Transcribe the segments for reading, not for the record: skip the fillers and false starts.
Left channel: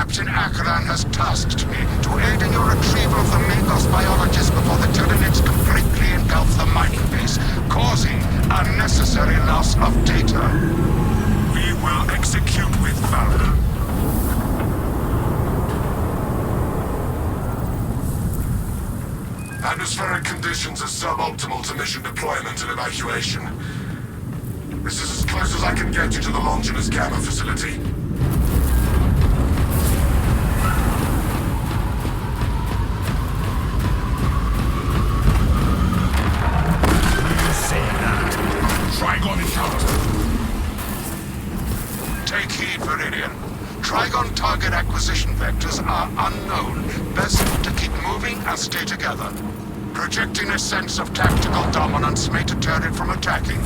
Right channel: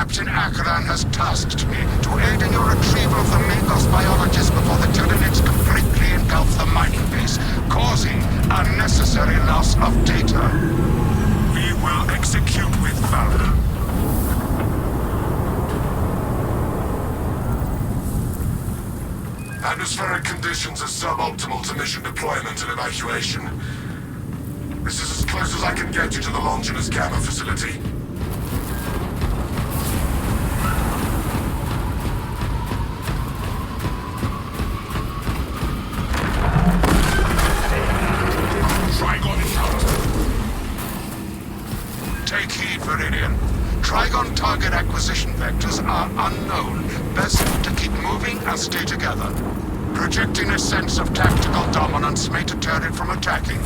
Captain Akran has tasked me to aid in your retrieval of the Magos biologists before the Tyranids completely engulf the mining base, causing unnecessary loss of data. We will execute with valor. Atmospheric conditions are suboptimal to mission deployment and evacuation. This is as close as I can get you to the Longinus Gamma facility. Trygon encounter. Take heed, Viridian. Trygon target acquisition vectors are unknown. Best to keep moving and stay together. Projecting a sense of tactical dominance may deter it from attacking.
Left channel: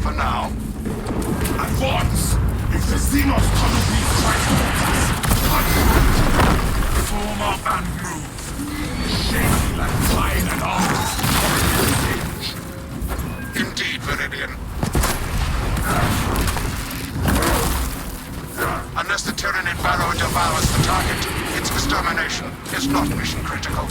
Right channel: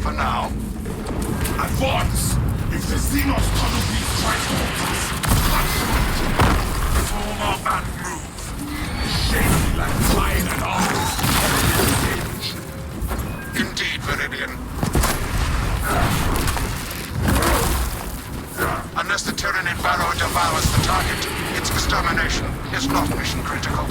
For now. Advance! If the Xenos tunnel these Trigons, cut through! Form up and move. Shaky like flying an artist. Indeed, Viridian. Unless the Tyranid Barrow devours the target, its extermination is not mission critical.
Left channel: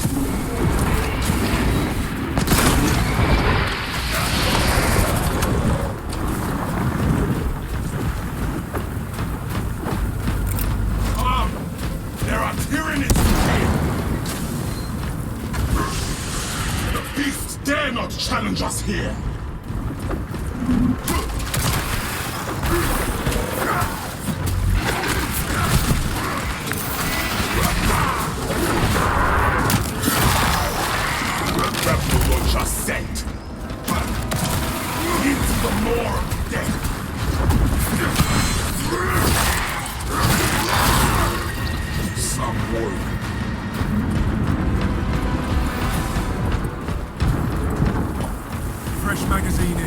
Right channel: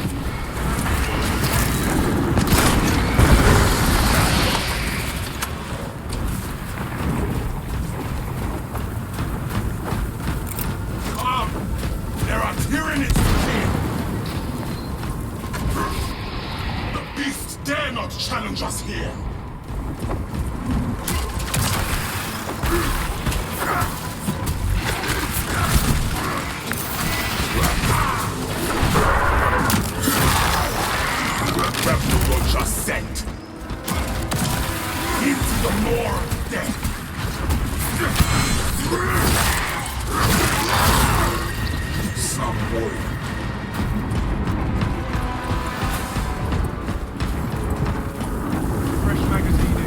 Come! There are Tyranids here! The beasts dare not challenge us here! Just sent into the maw of death. Some warrior. Fresh magazine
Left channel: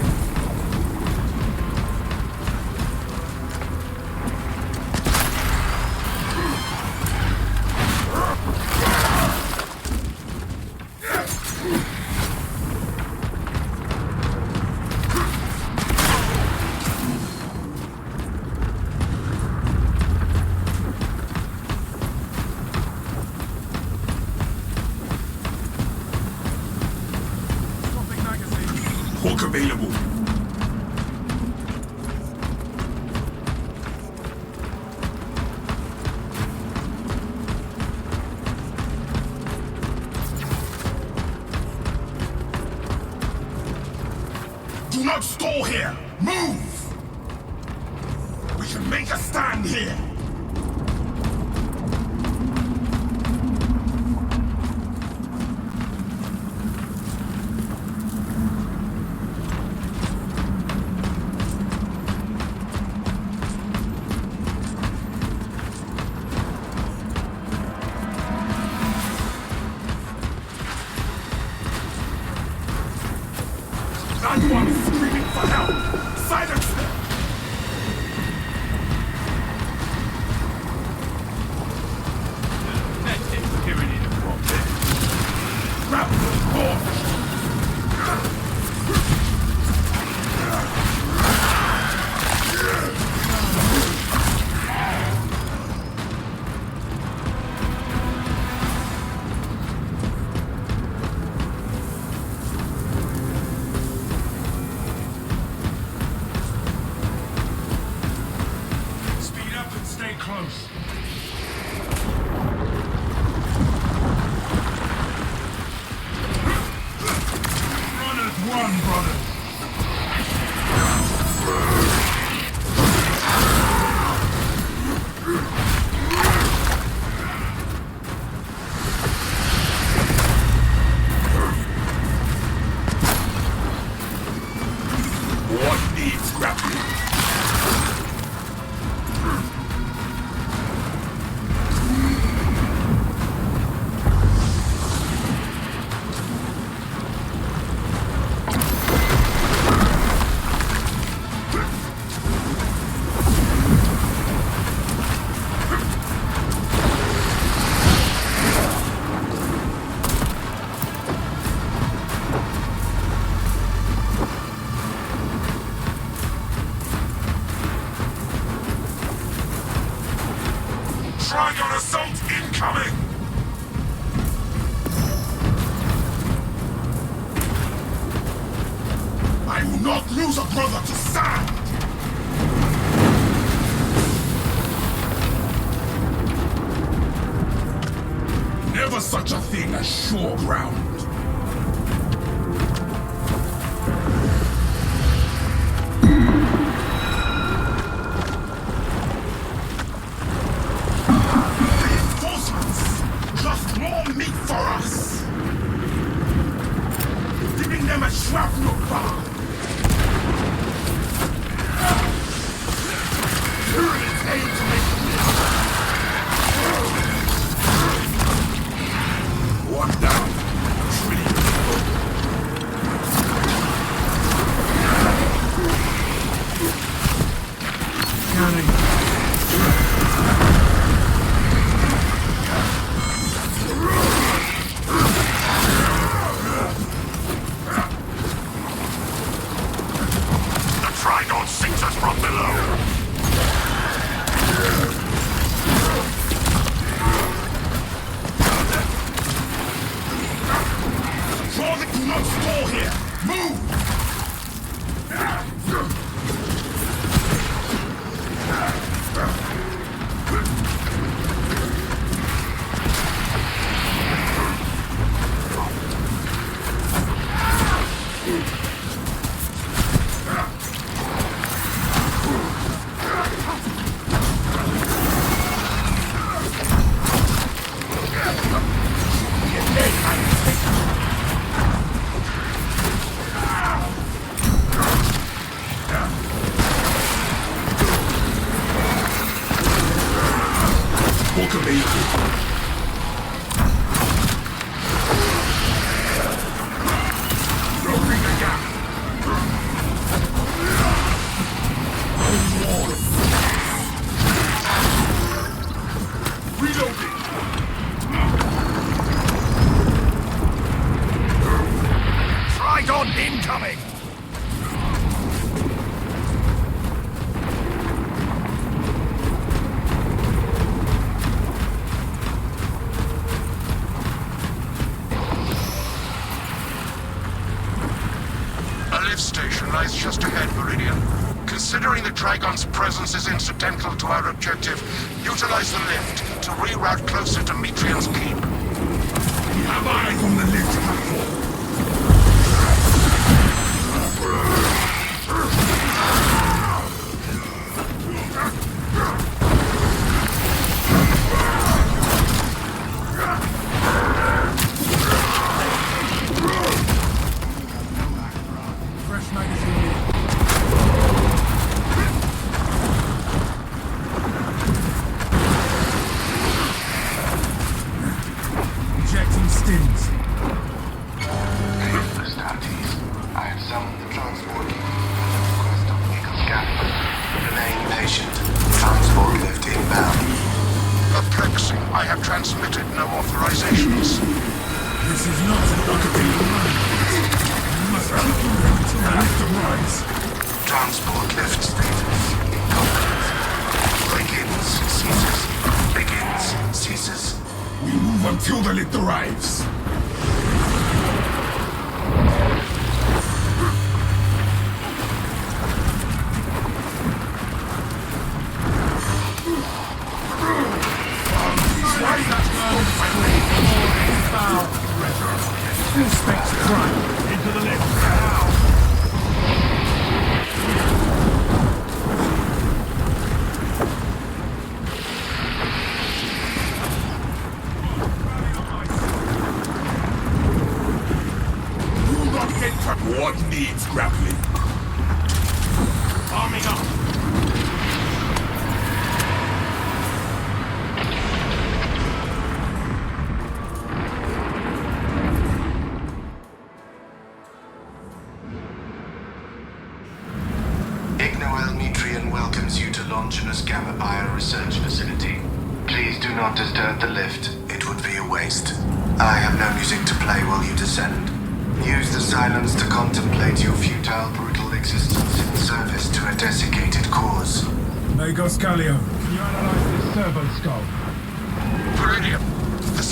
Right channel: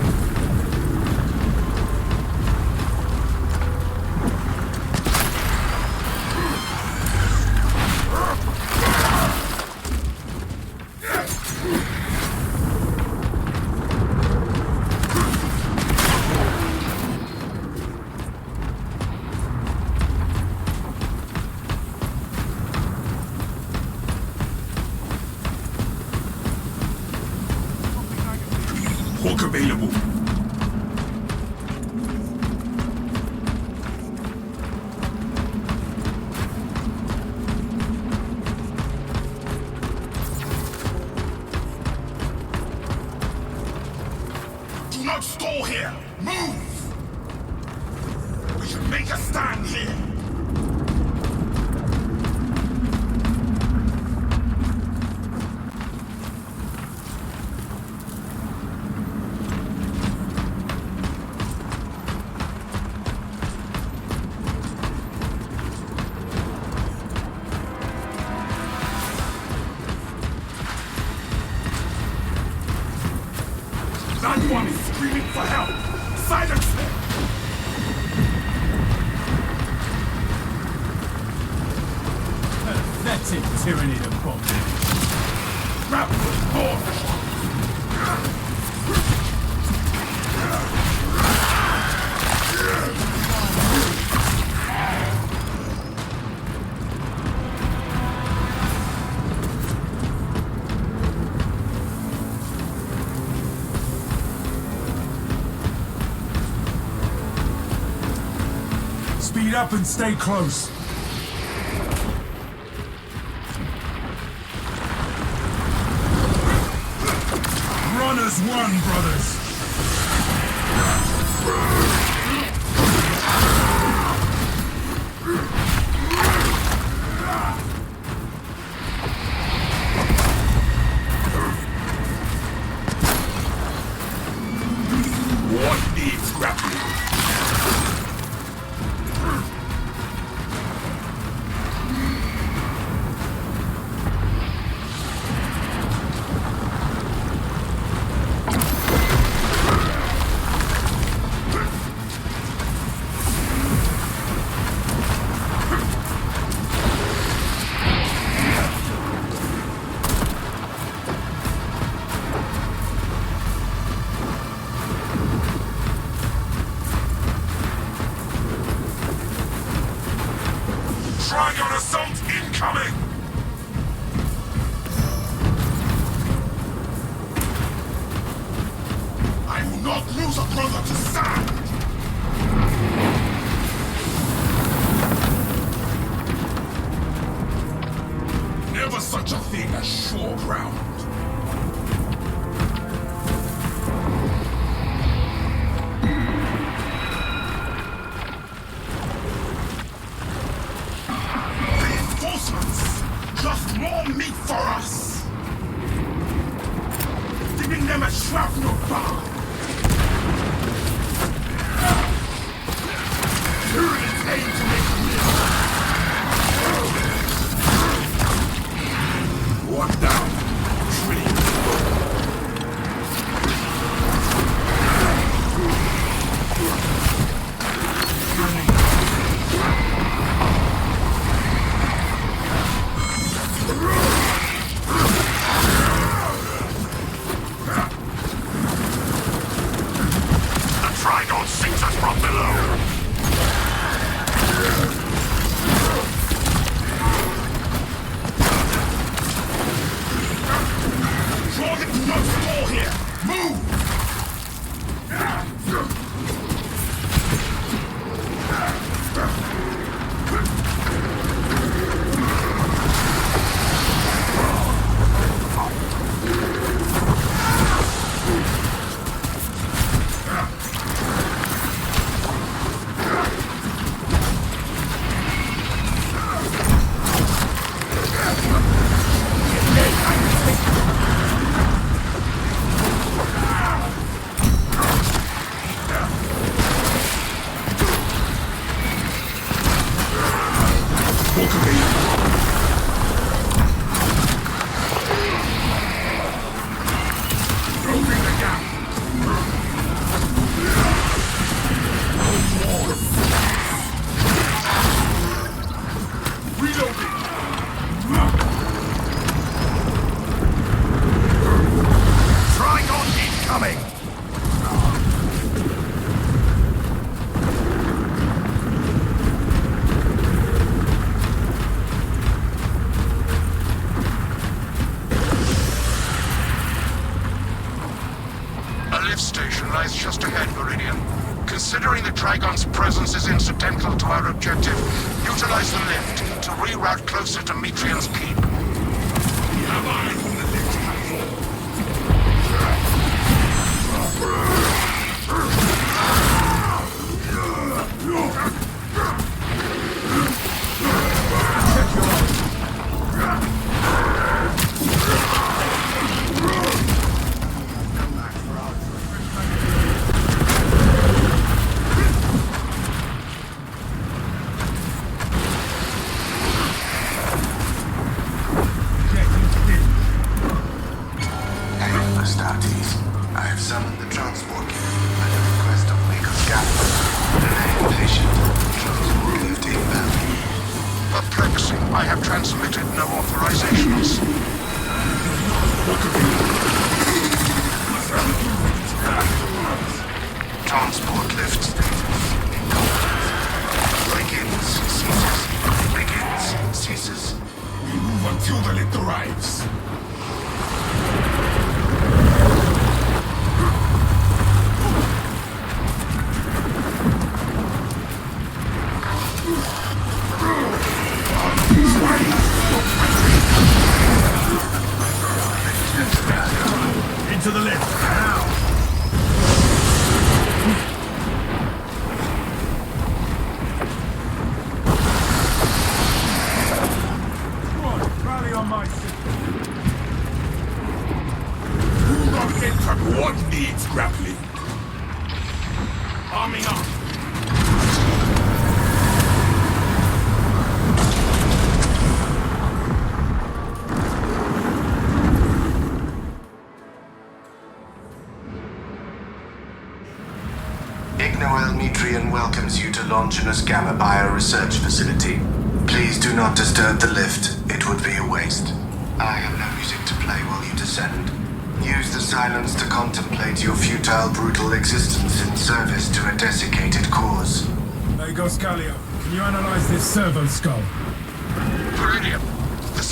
Hook available. Do not stall here! Move! We can make a stand here! That one is screaming for help! Silence them! Grab the launch! Speed up and stay close. Runners won, runners. What needs grappling? Trygon assault incoming! I will not lose a brother to sand! Never such a thing as sure ground. Reinforcements! Just more meat for us! Giving them a shrapnel bar! Tyranids aim to make a miss! One down. Trillion to go. The Trygon sinks us from below. Do not stall here! Move! Book available. Closing the gap. No more. Reloading. Trygon incoming. Station lies just ahead, Viridian. Considering the Trygon's presence is incidental to our objective, utilize the lift to reroute closer to Metrian's keep. We have eyes on the lift platform. Perplexing. I have transmitted no authorizations. Transport lift status. Begins, ceases. Begins, ceases. We move until the lift arrives. What needs grappling? Arming up. Metrian welcomes you to Longinus Gamma Bio Research Facility. Please do not disturb the lift. It would be a waste. I have no music to play while you descend. Use the silence to contemplate your futile, brutal existence in service to a desiccated cause. Magos Callio, can you analyze this servo scope?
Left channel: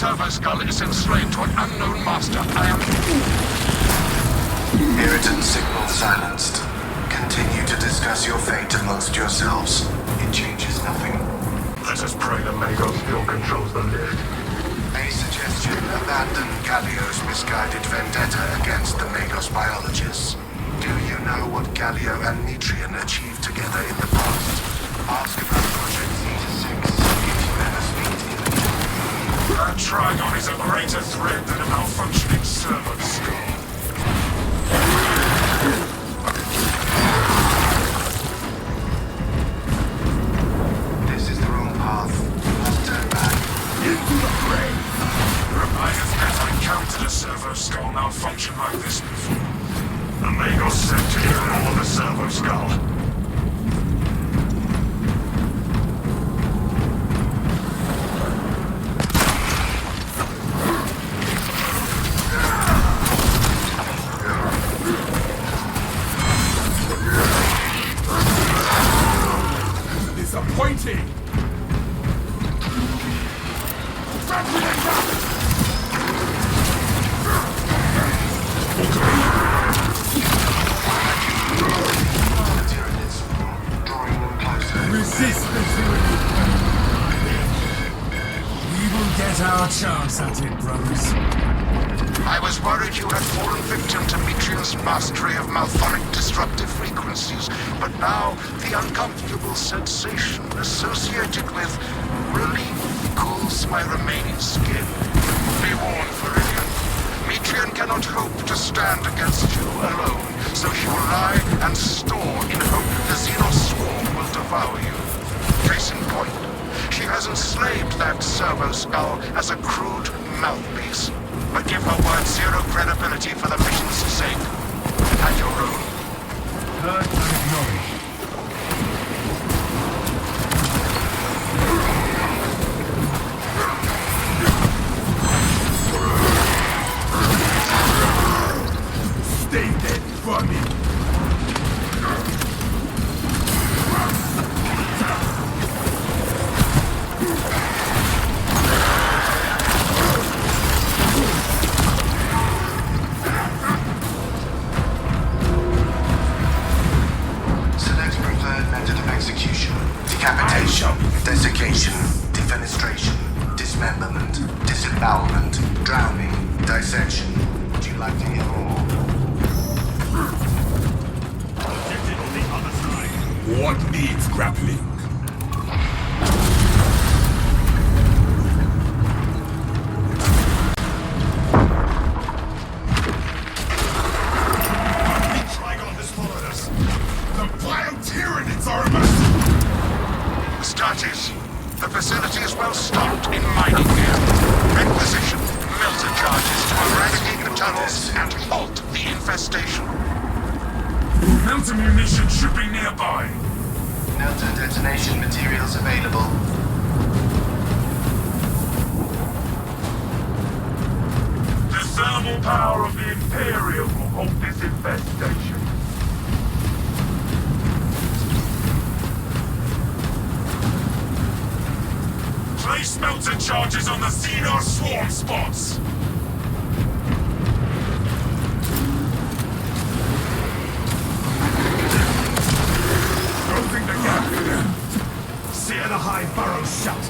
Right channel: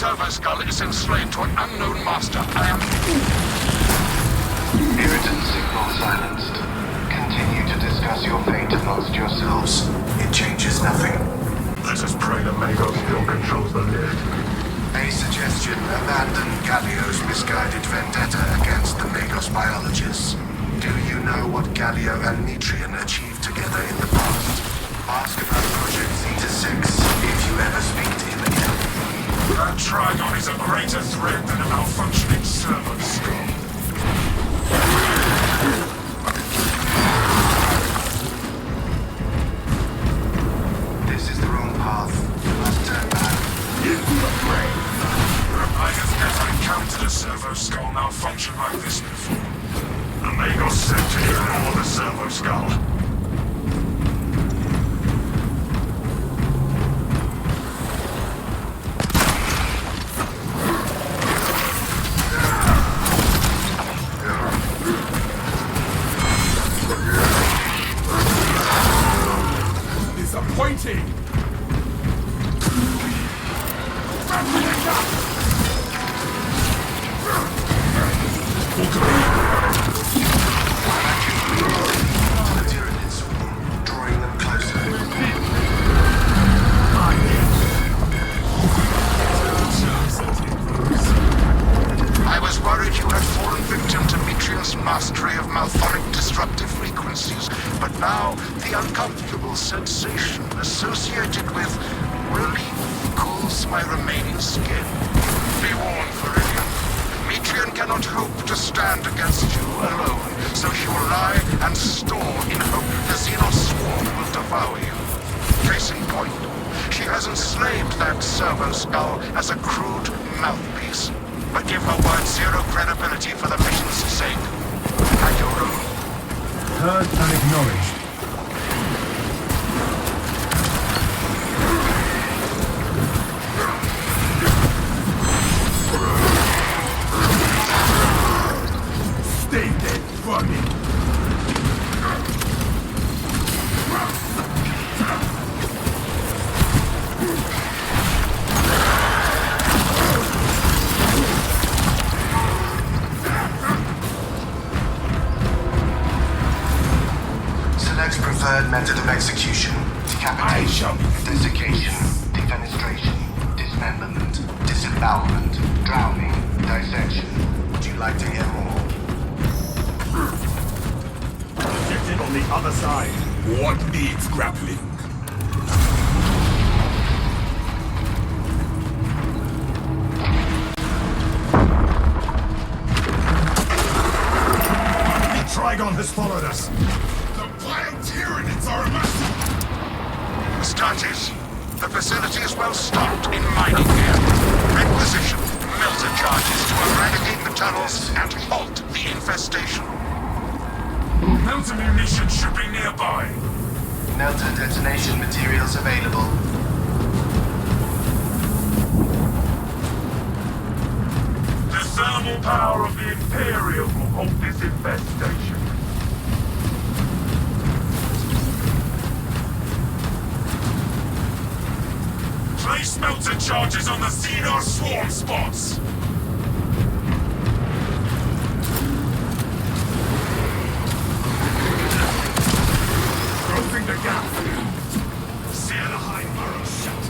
servo skull is enslaved to an unknown master. I am... Irritant signal silenced. Continue to discuss your fate amongst yourselves. It changes nothing. Let us pray the Magos still controls the lift. A suggestion: abandon Gallio's misguided vendetta against the Magos biologists. Do you know what Gallio and Nitrian achieved together in the past? Ask about Project Zeta-6 if you ever speak to him again. That Trygon is a greater threat than a malfunctioning servo skull. This is the wrong path. You must turn back. Into the brain! I have never encountered a servo skull malfunction like this before. The Magos sent to ignore the servo skull. Disappointing! Drawing them closer. We will get our chance at it, brothers. I was worried you had fallen victim to Mitrian's mastery of malphonic disruptive frequencies, but now the uncomfortable sensation associated with relief cools my remaining skin. Be warned, Viridian. Mitrian cannot hope to stand against you alone, so she will lie and store in hope the Xenos swarm will devour you. Case in point, she has enslaved that servo skull as a crude mouthpiece. But give her word zero credibility for the mission's sake. And your own. Stay dead, vermin! Select preferred method of execution. Decapitation, desiccation, defenestration, dismemberment, disembowelment, drowning, dissection. Would you like to hear more? Objective on the other side. What needs grappling? The Trygon has followed us. The Biotyranids are immersed. Statis. The facility is well stocked in mining gear. Requisition melter charges to eradicate the tunnels and halt the infestation. Melter munition should be nearby. Melter detonation materials available. The thermal power of the Imperium will halt this infestation. Place melter charges on the Xenos swarm spots. Closing the gap. Sear the high burrows shut.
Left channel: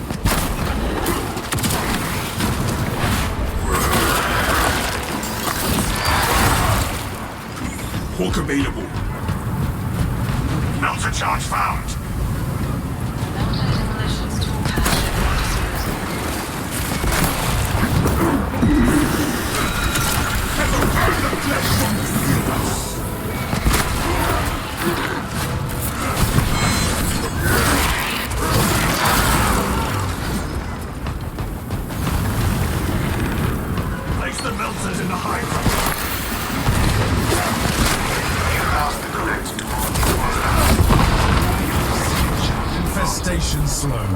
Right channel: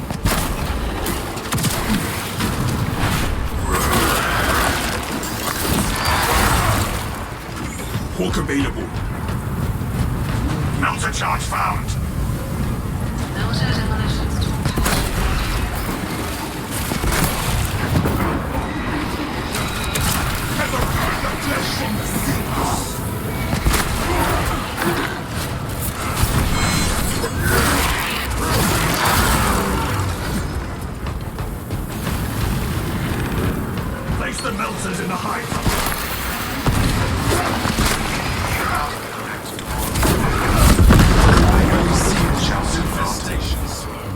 Hawk available. Melter charge found. Ever burn the flesh from the Xenos. Place the melters in the hive. Infestation slow.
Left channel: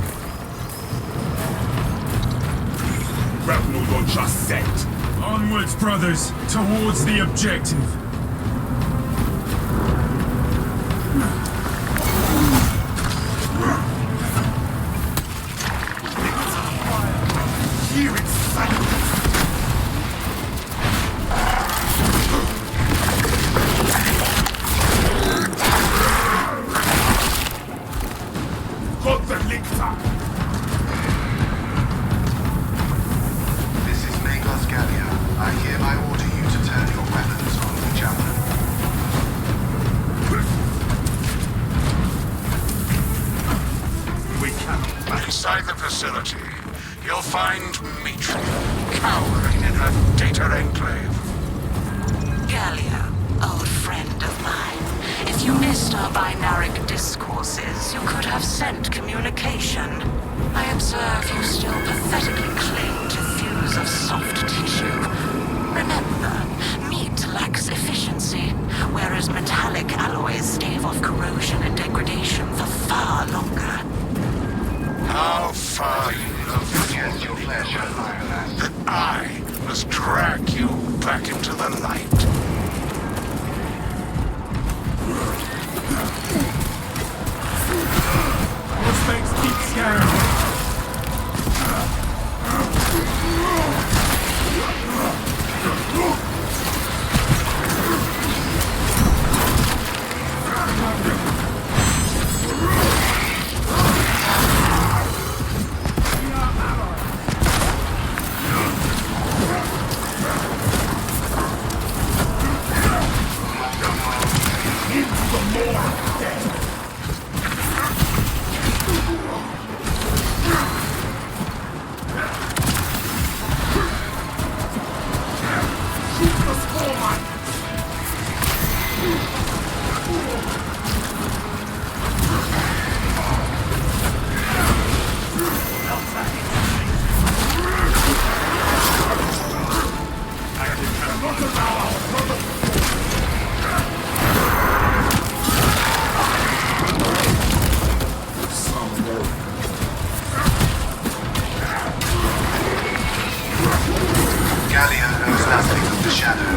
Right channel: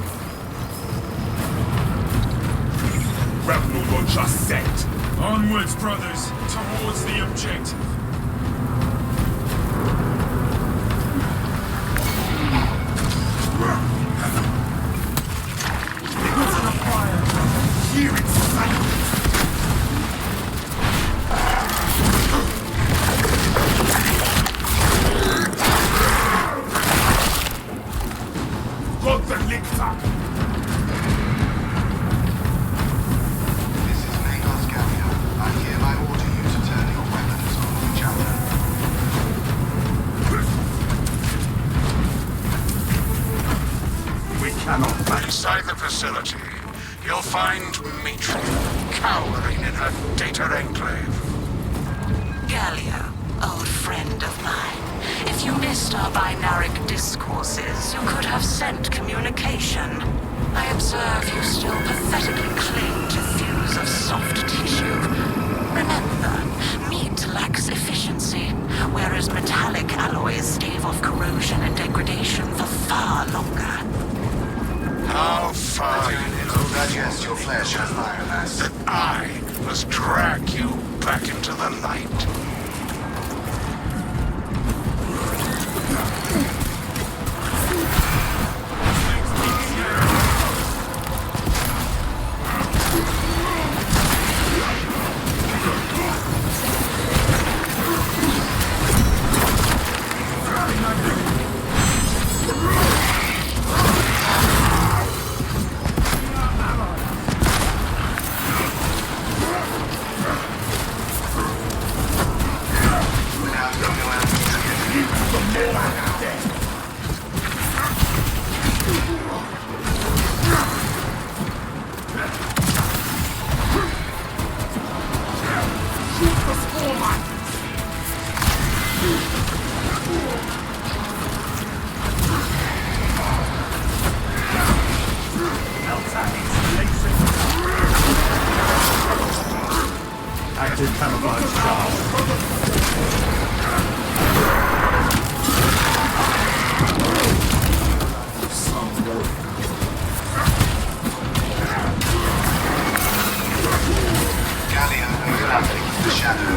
Grapnel launcher set. Onwards, brothers, towards the objective. Into the fire, brother. Hear it. This is Magos Gallia. I hereby order you to turn your weapons on each other. We cannot. Inside the facility, you'll find Mitri cowering in her data enclave. Gallia, old friend of mine. If you missed our binaric discourses, you could have sent communication. I observe you still pathetically cling to thews of soft tissue. Remember, meat lacks efficiency, whereas metallic alloys stave off corrosion and degradation for far longer. How far you have fallen, Igor, that I must drag you back into the light. This makes keep scaring. Gallia knows nothing of the shadow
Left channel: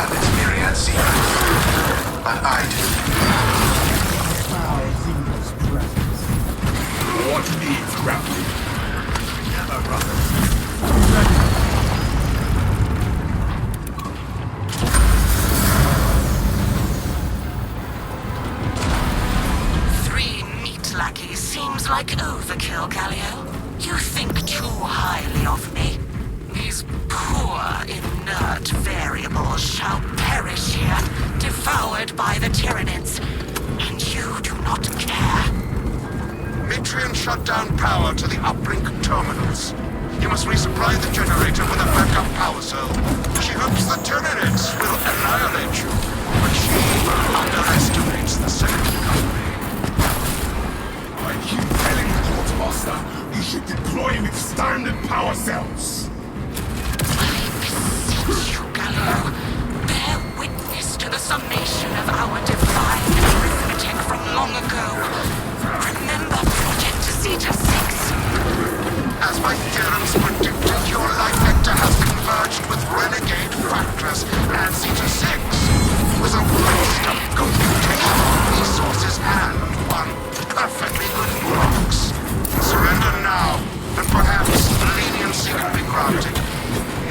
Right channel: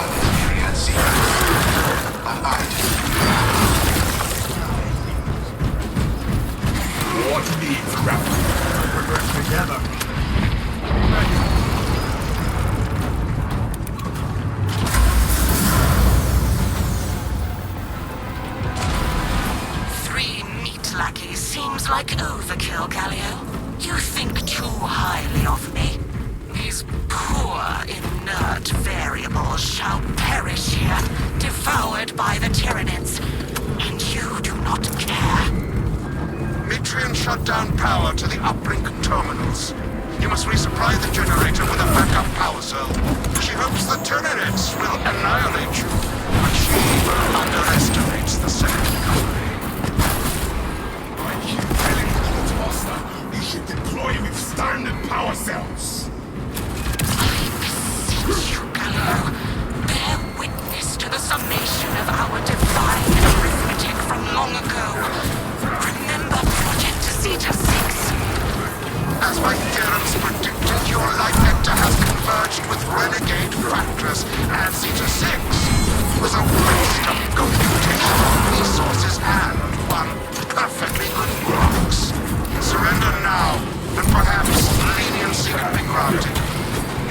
of its myriad secrets. But I do. What needs grappling? Together, brother. Three meat lackeys seems like overkill, Gallia. You think too highly of me. These poor, inert variables shall perish here, devoured by the Tyranids. And you do not care. Mitrian shut down power to the uplink terminals. You must resupply the generator with a backup power cell. She hopes the Tyranids will annihilate you, but she underestimates the second company. I keep telling you, Quartermaster, you should deploy with standard power cells. I beseech you, Gallo, bear witness to the summation of our divine arithmetic from long ago. Remember Project Zeta 6? As my theorems predicted, your life vector has converged with renegade factors, and Zeta 6 was a waste of computational resources and one perfectly good box. Surrender now, and perhaps leniency can be granted.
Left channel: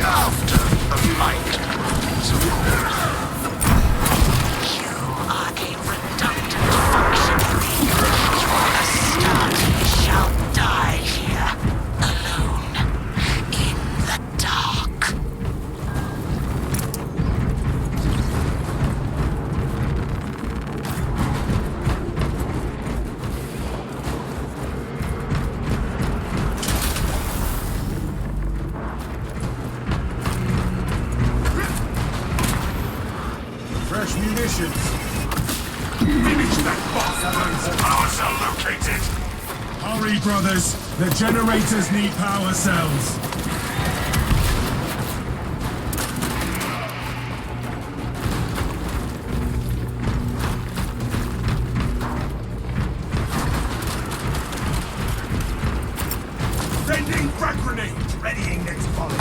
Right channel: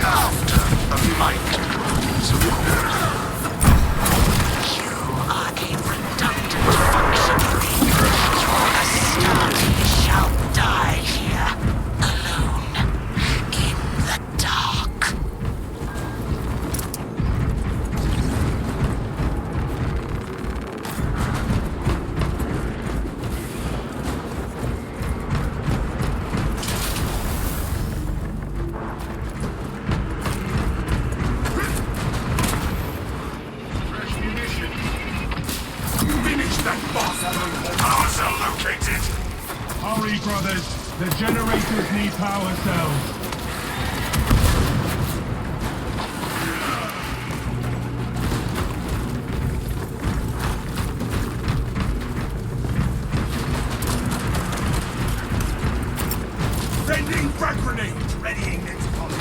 After the might is course. You are a redundant functionary. Your Astarte shall die here, alone, in the dark. Finish that bastard! Power cell located. Hurry, brothers. The generators need power cells. Sending frag grenades. Readying next volley.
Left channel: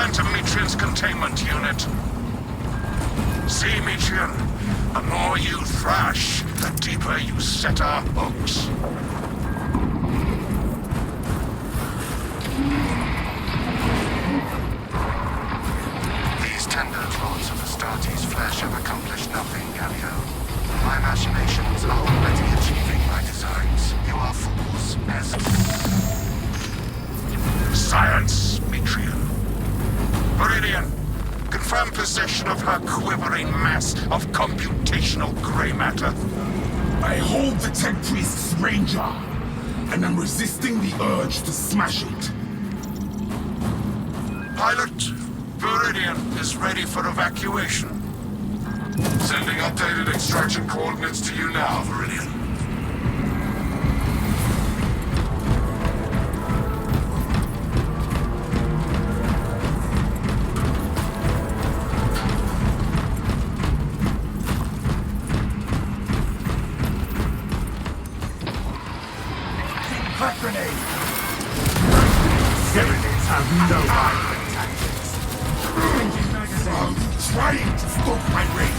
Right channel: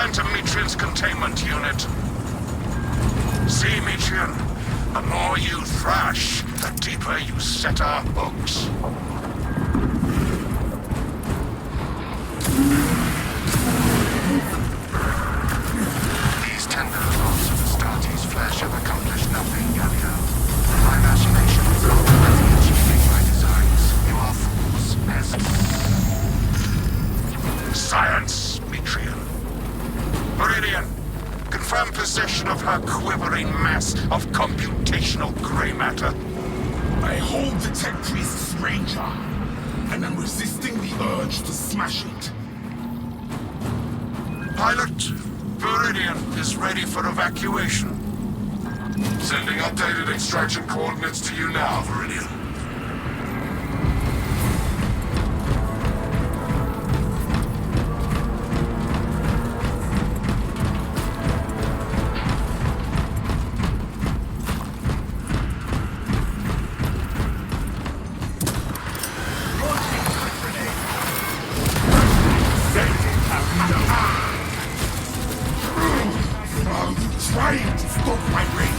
enter Metrian's containment unit. See, Metrian, the more you thrash, the deeper you set our hooks. These tender claws of Astartes' flesh have accomplished nothing, Galio. My machinations are already achieving my designs. You are fools, peasants. Science, Metrian. Viridian, confirm possession of her quivering mass of computational gray matter. I hold the Tech Priest's Ranger, and I'm resisting the urge to smash it. Pilot, Viridian is ready for evacuation. Sending updated extraction coordinates to you now, Viridian. Are you trying to stoke my rage?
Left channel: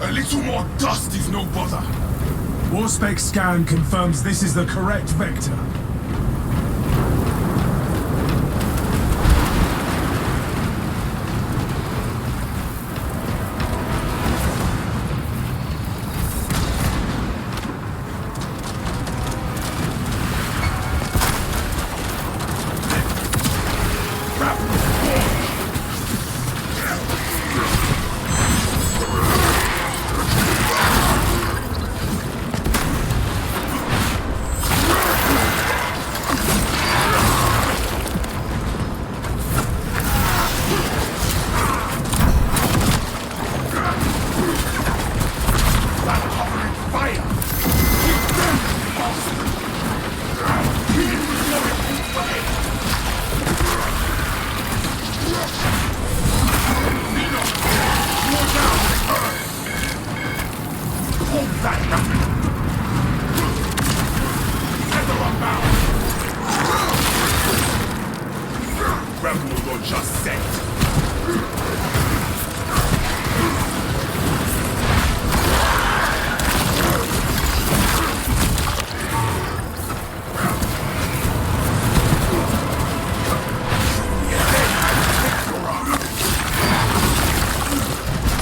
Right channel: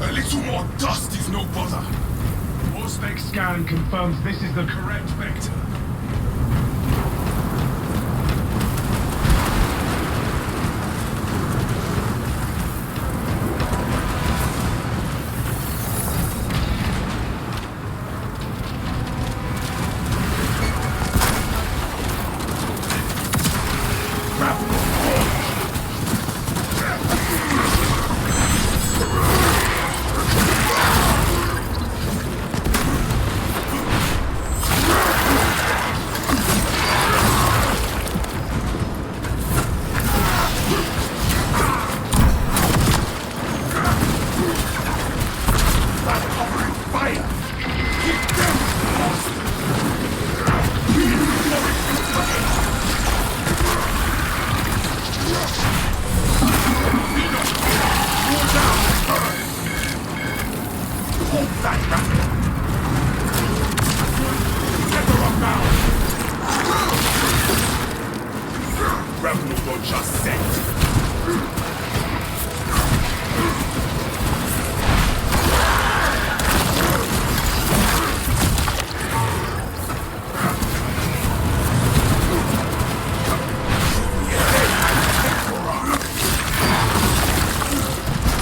A little more dust is no bother. Warspec scan confirms this is the correct vector. Stop covering fire! Keep them lost! We ignore it for aid! Nino! More down! Hold that rapid! Tether unbound! Rebel don't just set!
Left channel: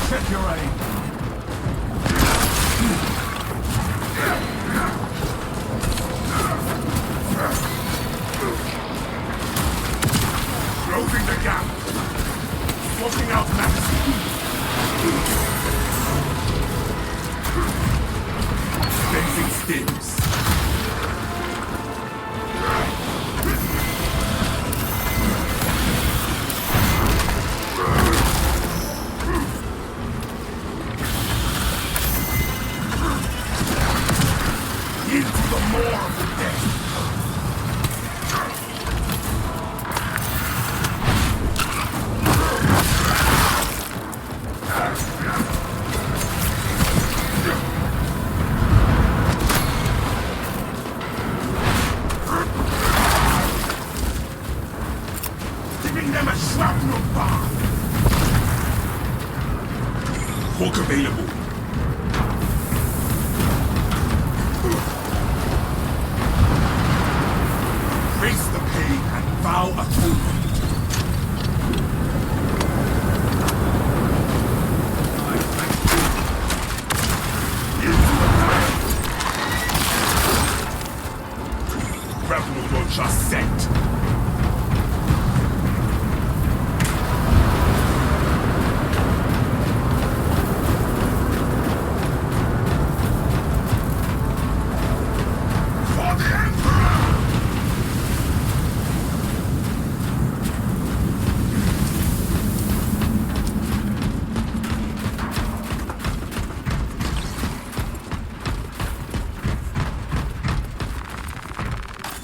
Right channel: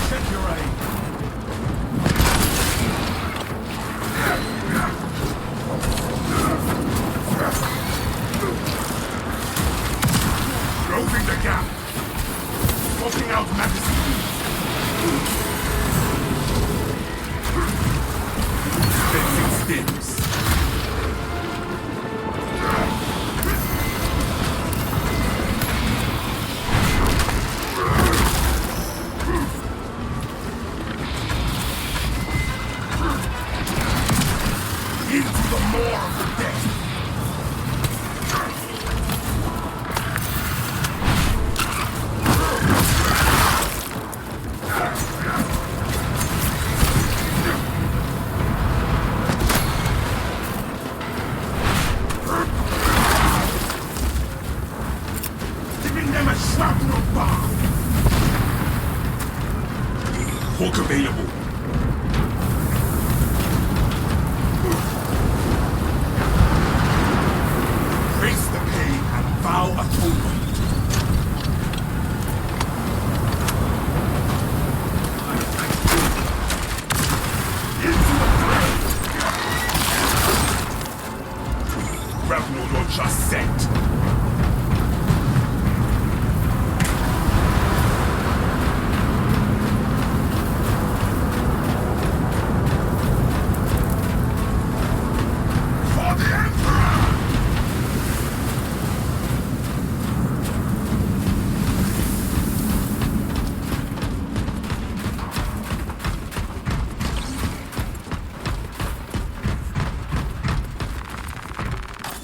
Check your aim. Closing the gap! Swapping out magazine! Fencing stims! Into the maw of the dead! Giving them a shrapnel bomb! Hawk available. Face the pain and vow atonement. Into the fight! Grapnel launcher set. For the Emperor!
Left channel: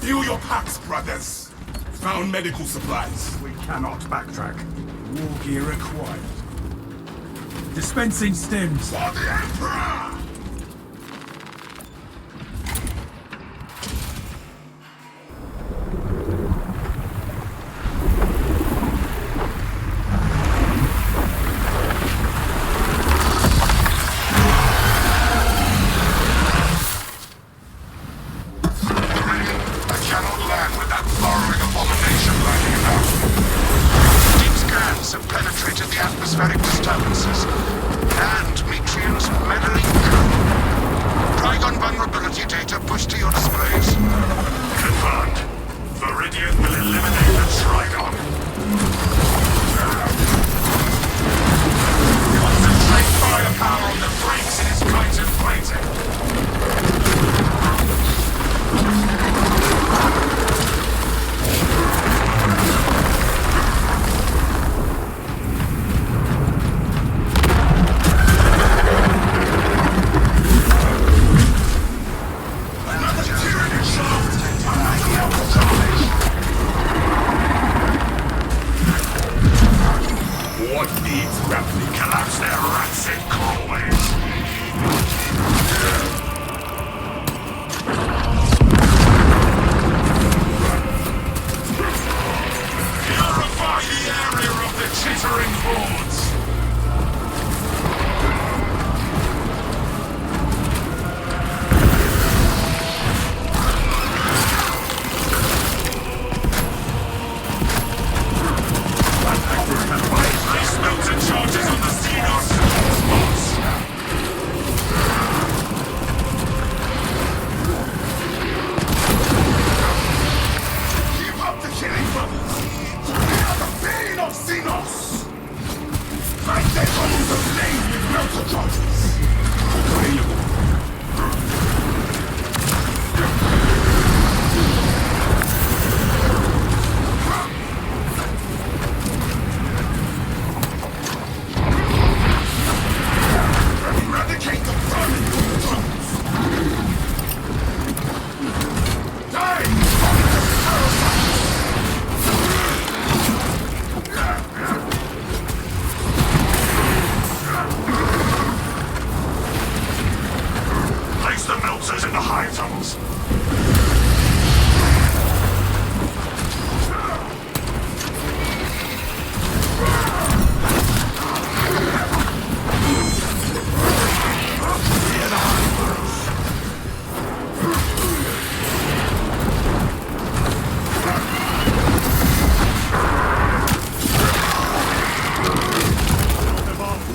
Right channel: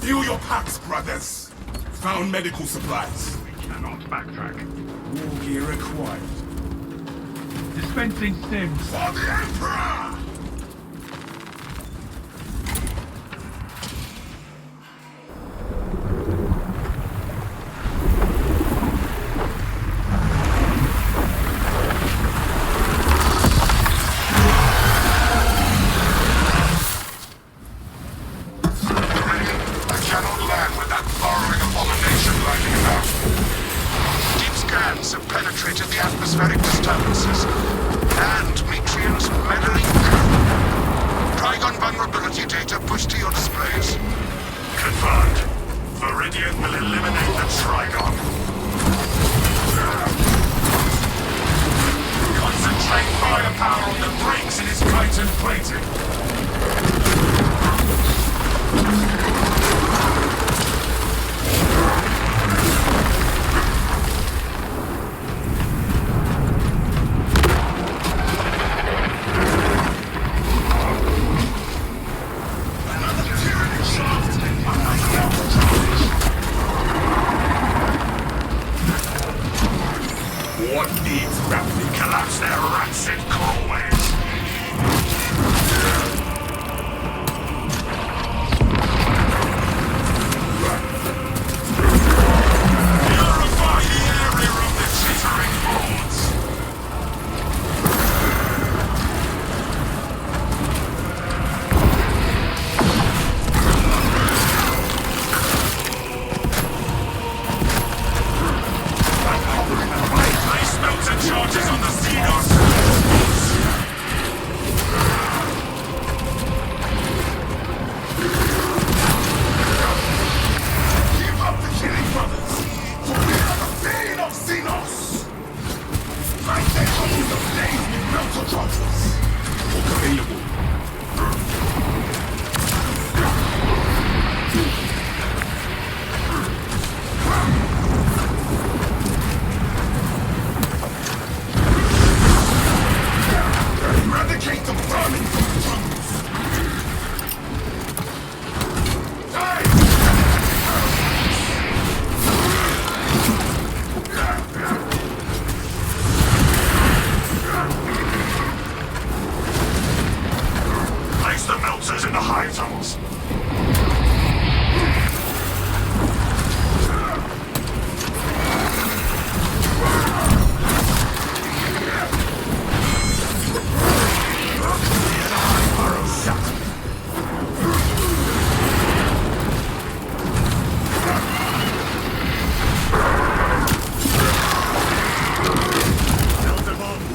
Fuel your packs, brothers. Found medical supplies. We cannot backtrack. War gear acquired. Dispensing stims. For the Emperor! I cannot land with that burrowing abomination lining about. Deep scans have penetrated the atmospheric disturbances, and Metrian's meddling code. Trygon vulnerability data pushed to your displays. Confirmed. Viridian will eliminate the Trygon. Concentrate firepower on the brakes in his chitin plating. Another tyranny shaft! Another melter charge! What needs grappling? Collapse their rancid crawlways. Purify the area of the chittering hordes. I'm covering the fire! Place melter charges on the Xenos spots. Give up the killing, brothers! For we are the bane of Xenos! Light their tunnels ablaze with melter charges! Hook available. Eradicate the vermin from the tunnels! Die! Tormented parasites! Place the melters in the high tunnels.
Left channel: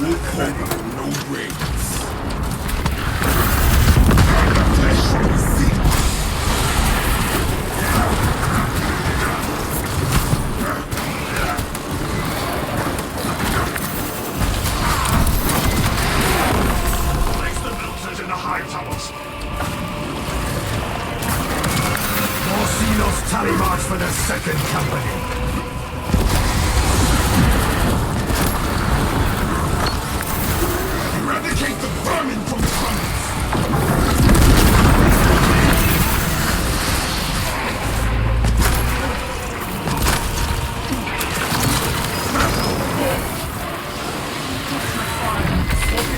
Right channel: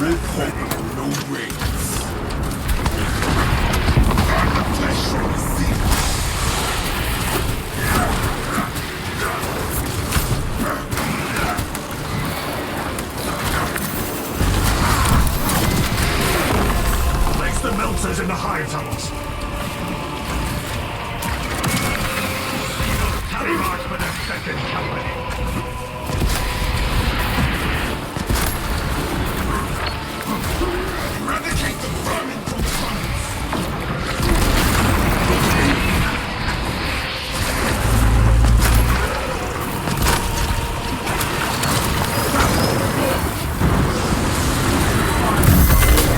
All hope and no brains. Burn the flesh from the Xenos! Place the melters in the high tunnels. More Xenos terrorize for the second campaign. Eradicate the vermin from the tunnels! Cultivate.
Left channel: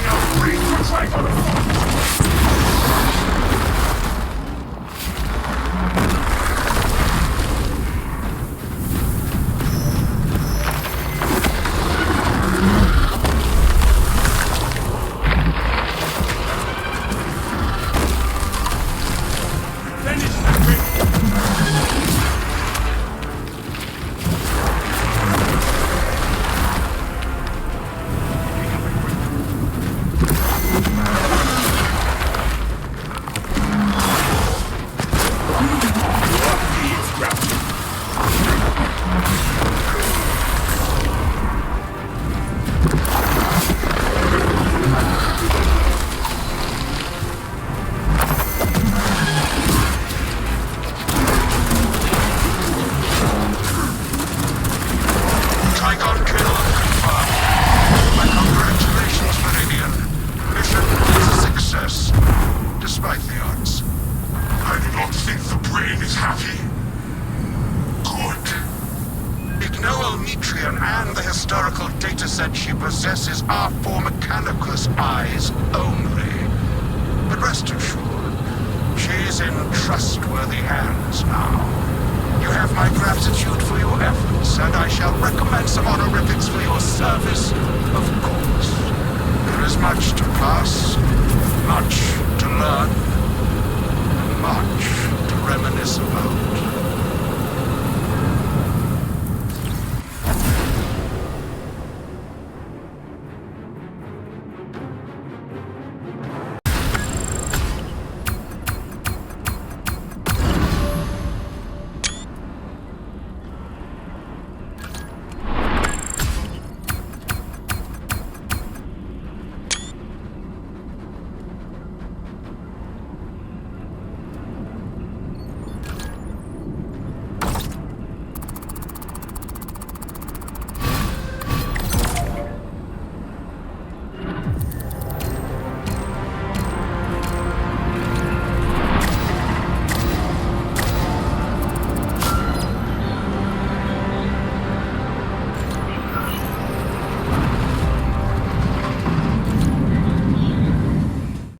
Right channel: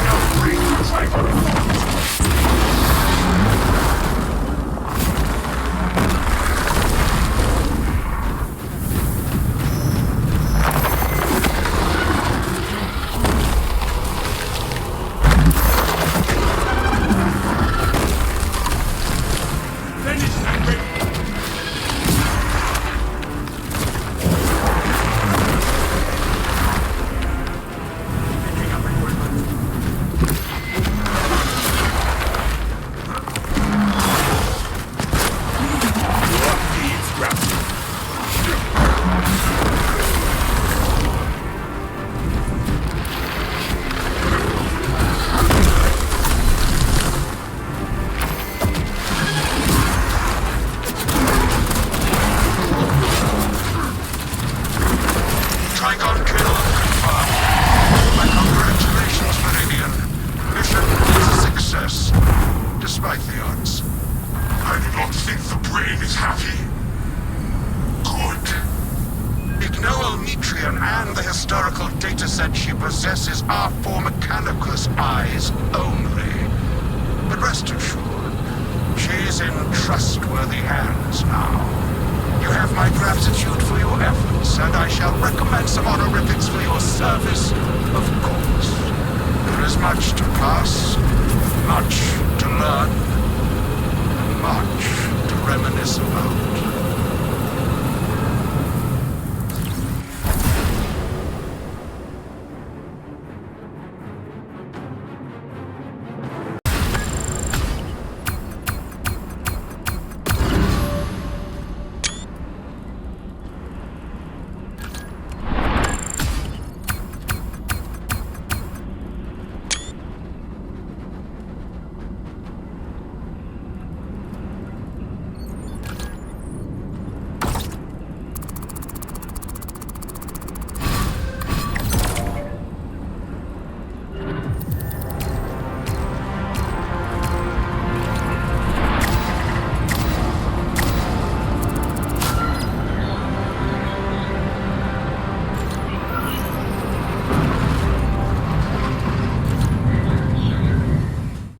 Now bring the Trygon. possesses our four mechanicus eyes only. But rest assured, she is in trustworthy hands now. You have my gratitude for your efforts, and I shall recommend some honorifics for your service, of course. There is much to pass, much to learn, and much to reminisce about.